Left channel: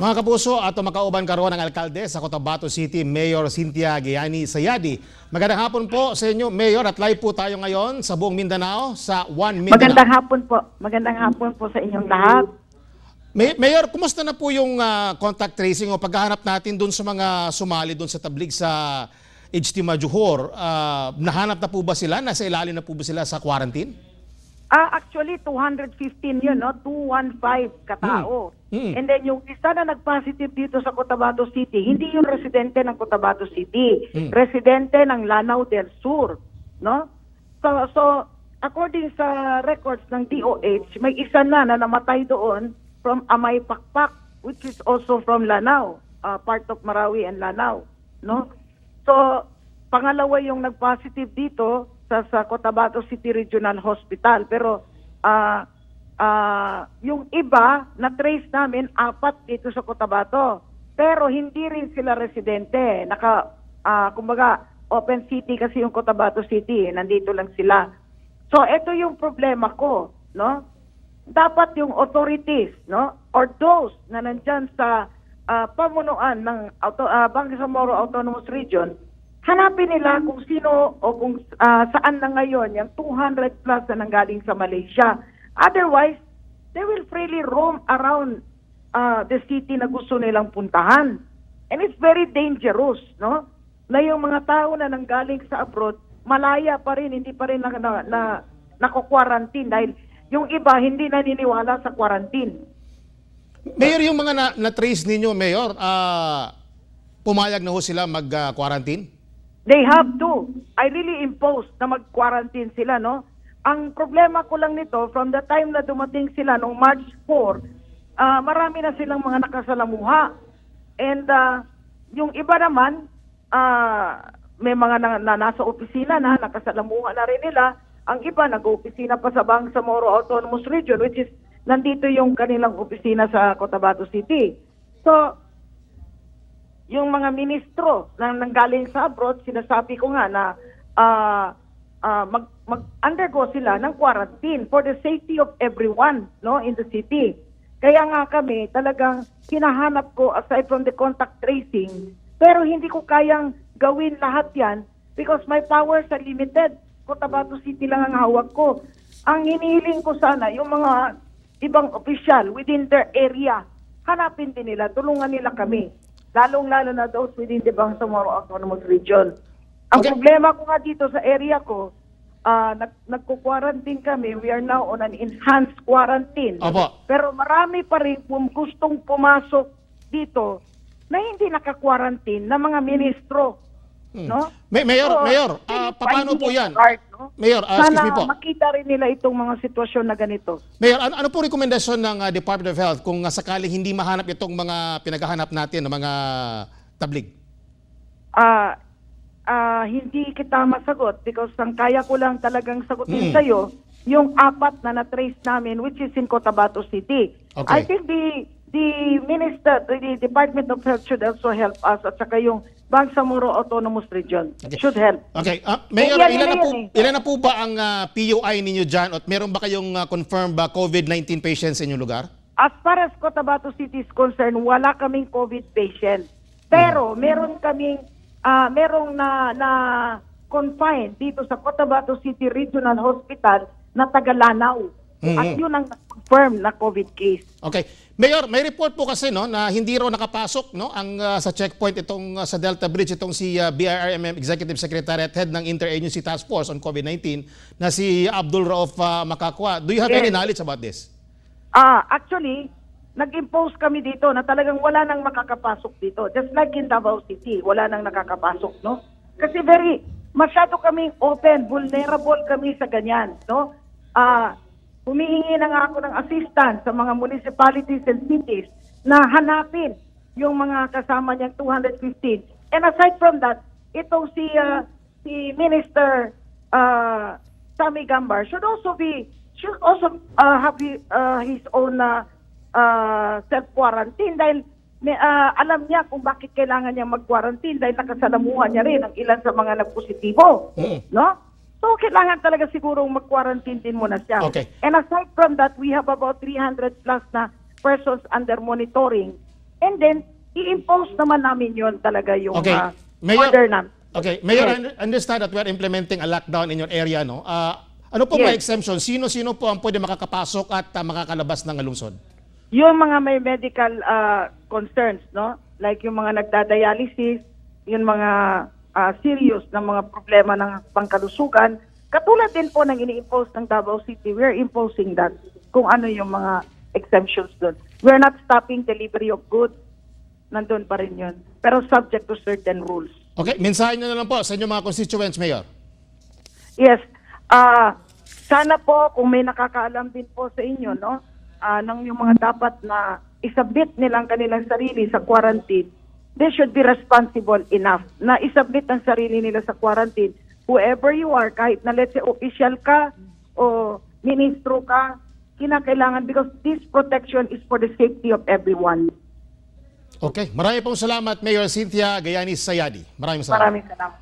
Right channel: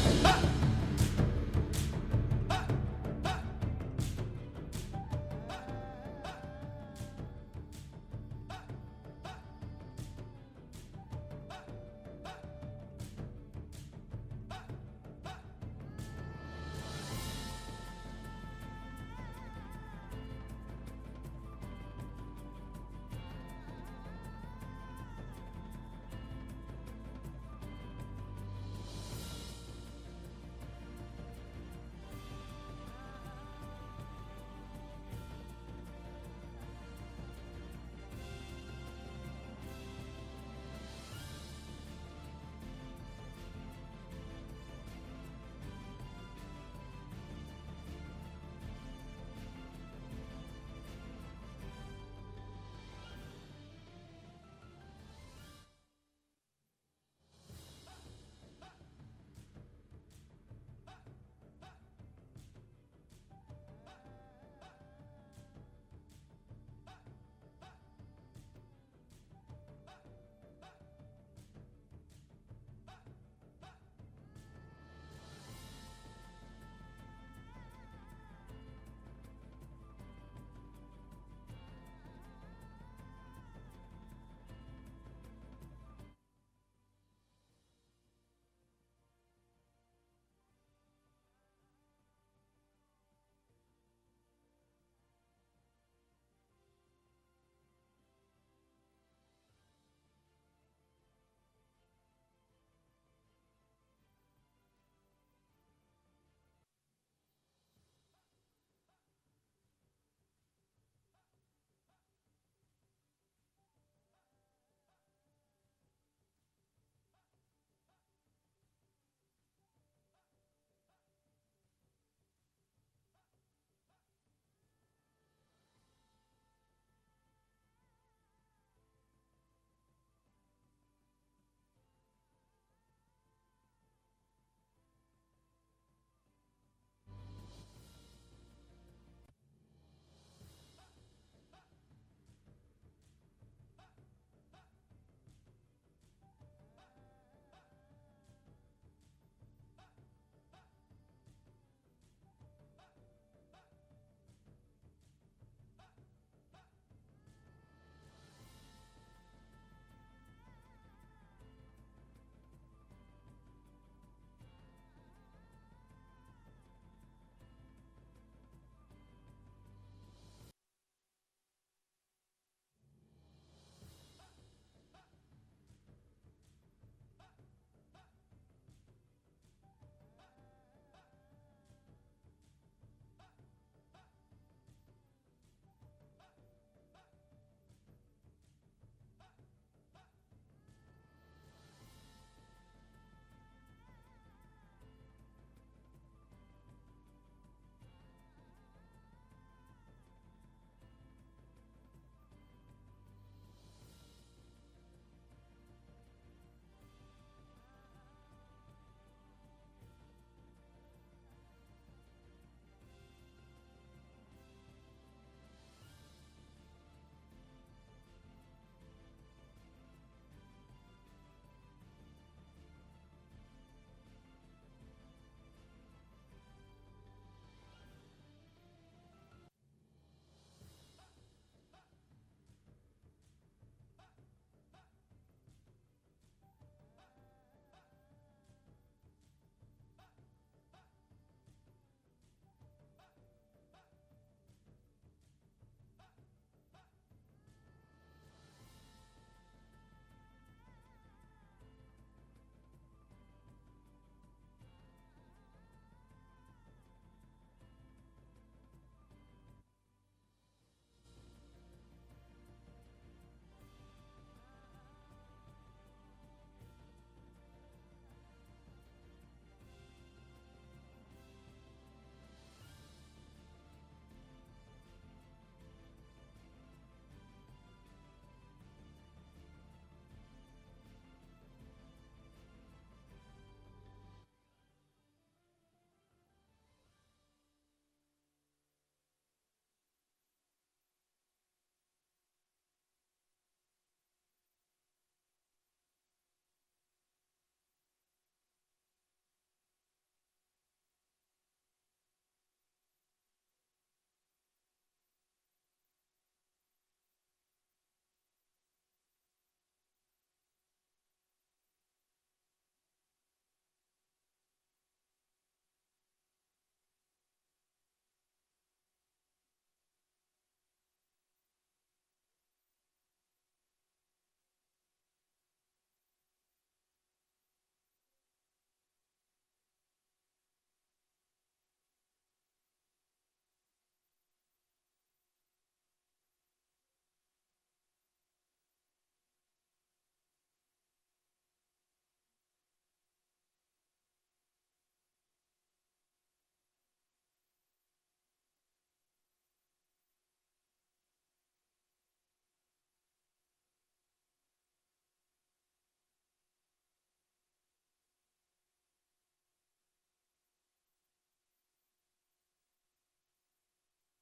Mga kapuso at makauban karon ng alkalde sa Cotabato City, Mayor Cynthia Giani Sayadi. Magandang hapon po sa inyo, Mayor, at live po tayo ngayon sa buong Mindanao sa One Mindanao. Magandang hapon po. Magandang hapon po sa inyong lahat. Mayor, kumusta na po yung contact tracing o paghahanap natin doon sa mga sumali doon sa tablig sa Ijtima Johor? Nahanap na po ba sila? Nasa ilalim na po ba sila sa quarantine? Actually, 215 yun, no? 215 katao. And then yung isa na nag-positive dito sa Cotabato City, hindi yung residente ng Cotabato City, residente ng Lanao del Sur, no? So according sa records ng DOH, may isa na namatay doon from Amay Pakpak, which is also from Lanao, part of Marawi and Lanao, no? So pangalawa yung nag-positive dito sa Cotabato City Regional Hospital. Pero yung iba, na-trace namin, 4 dito sa Cotabato. Pero hindi rin sila residente. Kumbaga, open city kasi yung Cotabato City. Nandito lang sila. So, ito yung problema ko, no? Dapat yung authorities, no? Or those na nandyan sa pamunuan ng Bangsamoro Autonomous Region, hanapin nila kung sino o kung saan na ngayon yung 200 plus na nanggaling sa Malaysia. Otherwise, they will freely roam around the city na gusto nilang puntahan. And it's very dangerous, no? Na yung mga tao na nanggaling sa abroad, malaya pa rin, hindi pa rin nako-quarantine dahil yung iba hindi naniniwala sa quarantine. Mayor, yung mga na-trace ninyo, Mayor, pumayag na ho sila mag-quarantine? They have to. I really imposed na mag-quarantine sila, no? Ang problema ko lang nito, from the time na dumating sila noong March 4, marami na silang mga nakasalamuha. And yung iba naman, may mga nasa opisina na, nakasalamuha na rin nila. Ang iba, nag-opisina pa sa Bangsamoro Autonomous Region, which is, nandito yung kanilang opisina sa Cotabato City. So, yung mga ministro na nanggaling sa abroad, sinasabi ko nga na mag-undergo sila ng quarantine for the safety of everyone, no, in the city. Kaya nga kami talagang hinahanap ko aside from the contact tracing, pero hindi ko kayang gawin lahat yan because my powers are limited. Cotabato City lang ang hawak ko. Ang hinihiling ko sana, yung mga ibang official within their area, hanapin din nila, tulungan nila kami. Lalong-lalo na those within the Bangsamoro Autonomous Region. Ang problema ko nga dito sa area ko, nagko-quarantine kami. We are now on an enhanced quarantine. Opo. Pero marami pa rin gustong pumasok dito na hindi naka-quarantine na mga ministro. No? Mayor, paano po yan? Mayor, excuse me po. Sana makita rin nila itong mga sitwasyon na ganito. Mayor, ano po rekomendasyon ng Department of Health kung sakaling hindi mahanap itong mga pinaghahanap natin ng mga tablig? Hindi kita masagot because ang kaya ko lang talagang sagutin sa'yo yung 4 na na-trace namin which is in Cotabato City. Okay. I think the Department of Health should also help us at saka yung Bangsamoro Autonomous Region should help. Okay. Mayor, ilan na po ba ang PUI ninyo dyan at meron ba kayong confirmed COVID-19 patients sa inyong lugar? As far as Cotabato City is concerned, wala kaming COVID patient. Pero meron kaming merong na confined dito sa Cotabato City Regional Hospital na taga Lanao. At yun ang confirmed na COVID case. Okay. Mayor, may report po kasi no na hindi raw nakapasok no ang sa checkpoint itong sa Delta Bridge itong si BIRMM Executive Secretary at Head ng Interagency Task Force on COVID-19 na si Abdul Rauf Makakwa. Do you have any knowledge about this? Actually, nag-impose kami dito na talagang wala nang makakapasok dito. Just like in Davao City, wala nang nakakapasok, no? Kasi masyado kaming open, vulnerable kami sa ganyan, no? Humihingi na nga ako ng assistance sa mga municipalities and cities na hanapin yung mga kasama niyang 215. And aside from that, itong si Minister Sammy Gambar should also have his own self-quarantine dahil alam niya kung bakit kailangan niya mag-quarantine dahil nakasalamuhan niya rin ang ilan sa mga nagpositibo. No? So, kailangan talaga siguro mag-quarantine din muna siya. Okay. And aside from that, we have about 300 plus na persons under monitoring And then, i-impose naman namin yon talaga yung Okay. Mayor- order namin. Okay, Mayor, Yes. I understand that we are implementing a lockdown in your area, no? Ano po Yes. mga exemption? Sino-sino po ang pwede makakapasok at makakalabas ng lungsod? Yung mga may medical concerns, no? Like yung mga nagdadialysis, yung mga serious na mga problema ng pangkalusugan, katulad din po ng ini-impose ng Davao City, we're imposing that kung ano yung mga exemptions doon. We're not stopping delivery of goods. Nandun pa rin yun. Pero subject to certain rules. Okay, mensahe nyo na lang po sa inyong mga constituents, Mayor. Yes. Sana po kung may nakakaalam din po sa inyo, no? Ng yung mga dapat na isubmit nilang kanilang sarili sa quarantine, they should be responsible enough na isubmit ang sarili nila sa quarantine. Whoever you are, kahit na let's say official ka o ministro ka, kinakailangan because this protection is for the safety of everyone. Okay, marami pong salamat, Mayor Cynthia Gayanis Sayadi. Maraming salamat. Maraming salamat.